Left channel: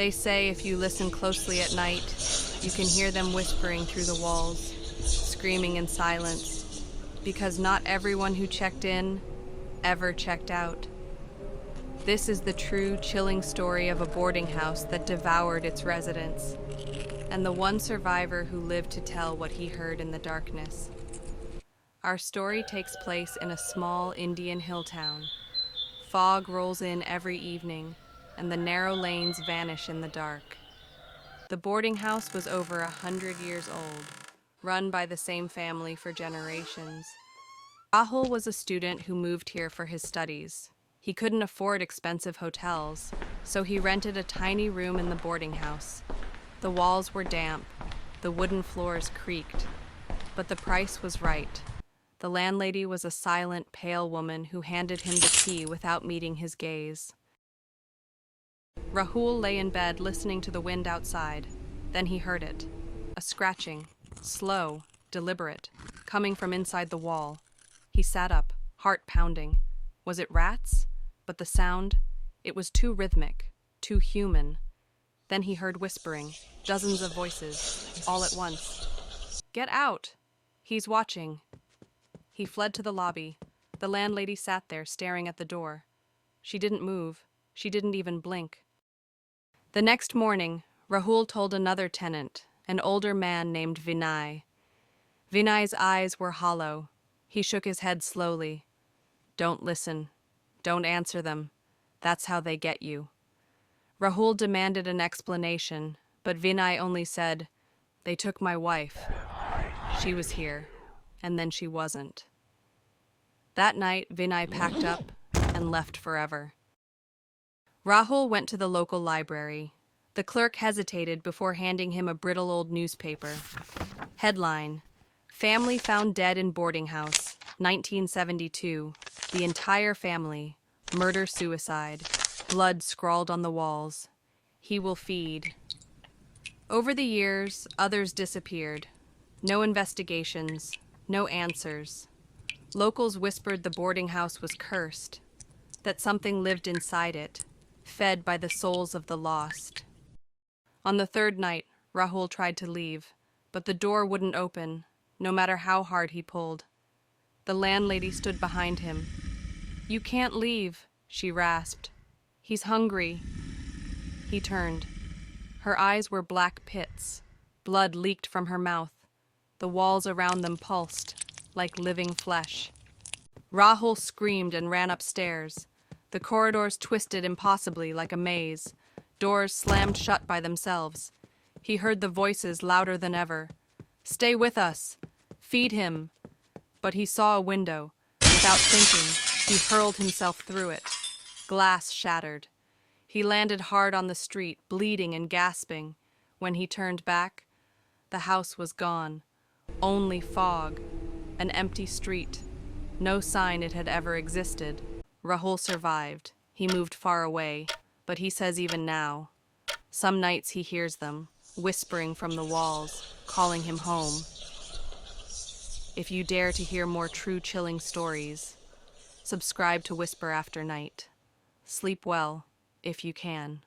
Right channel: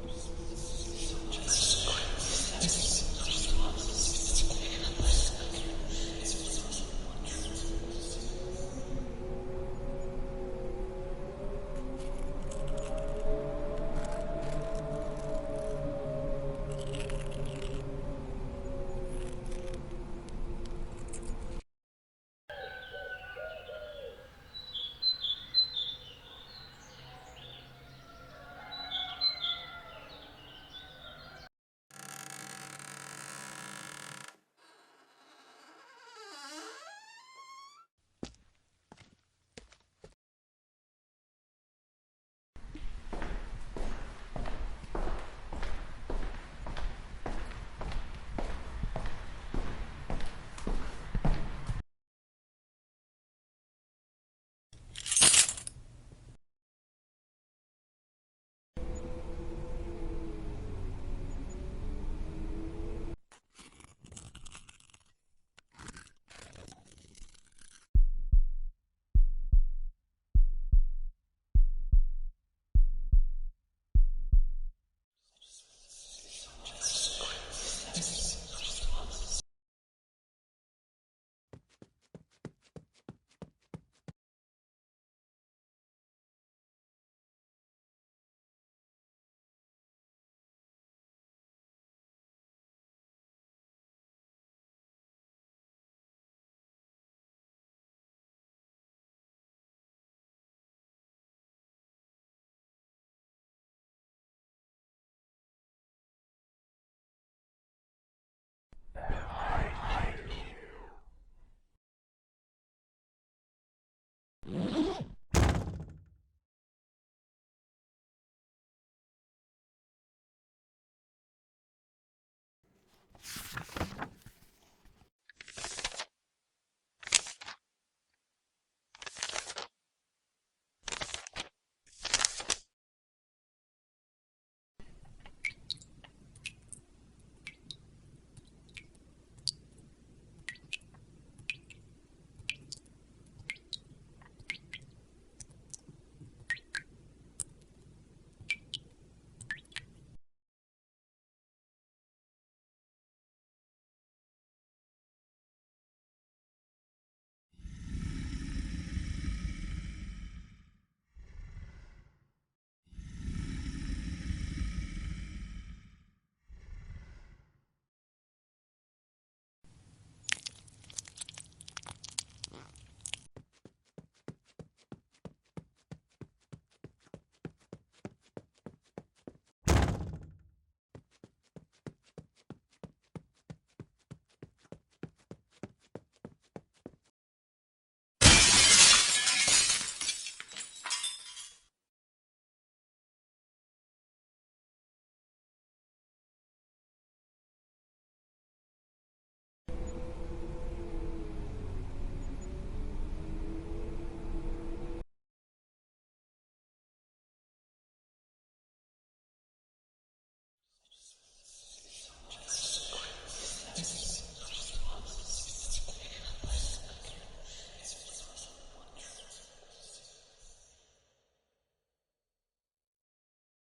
They say if you listen closely at night, you can hear them whispering through the walls, screaming in silence, because not everyone who checked in ever checked out. This is the true, chilling story of a boarding house that devoured its residents, and the one survivor who lived to tell what he heard in the darkness. Our story takes place in a small Indian hill town. Fog rolls in every evening, and the narrow lanes vanish in the dark. The boarding house was over 100 years old, run by the same family for generations. Rahul was a student who moved here for his studies. He couldn't afford expensive hotels, so he rented a tiny room in the boarding house. The walls were damp, the wooden floors creaked, but the price was right. The landlady was a silent, pale woman who handed him the key without meeting his gaze. Rahul lay in bed listening to the wind outside. Then he heard it. A scratching, slow, deliberate, coming from inside the wall. He sat up, heart pounding. Was it rats? But the sound, it was too rhythmic, too human. Then he heard whispering, dozens of voices, all at once. "Get out! He's watching." He fled to the lobby. The landlady sat there, staring at the door. She didn't move. She didn't even blink. The next morning, Rahul told another tenant, an older man named Vinay. Vinay's eyes were hollow. He shook his head slowly. "Don't listen. Don't answer them. That's how they get you." Rahul demanded an explanation, but Vinay only said, "They took my wife. She was here, and then she wasn't." That night, Vinay packed up and left forever. Rahul went to the local library. The clerk hesitated before handing him a brittle old newspaper. Headline: Family found dead in boarding house, 1972. The entire family. Murder-suicide. Blood scrawled on the walls. He will feed. Over the years, others disappeared. No investigations, no answers. Locals whispered the boarding house was cursed, that something lived inside it, fed by the souls of the lost. On the third night, Rahul tried to leave, but the door wouldn't open, no matter how hard he pulled. The landlady stood behind him. "You can't leave," she rasped. "He's hungry." He turned. Her eyes were black pits. Blood leaked from her mouth. The walls around them pulsed, like living flesh. Rahul screamed and ran upstairs. The corridors twisted impossibly like a maze. Doors slammed shut by themselves. He heard the voices louder than ever. "Stay with us! Feed him!" But he saw a window. Without thinking, he hurled himself through it. Glass shattered. He landed hard on the street, bleeding and gasping. When he turned back, the house was gone. Only fog. An empty street. No sign it had ever existed. Rahul survived. He moved far away, but he says even now, some nights he hears them, whispering from the walls, calling him home. If you dare to hear more true chilling stories, subscribe to Whisper After Night. Sleep well, if you can.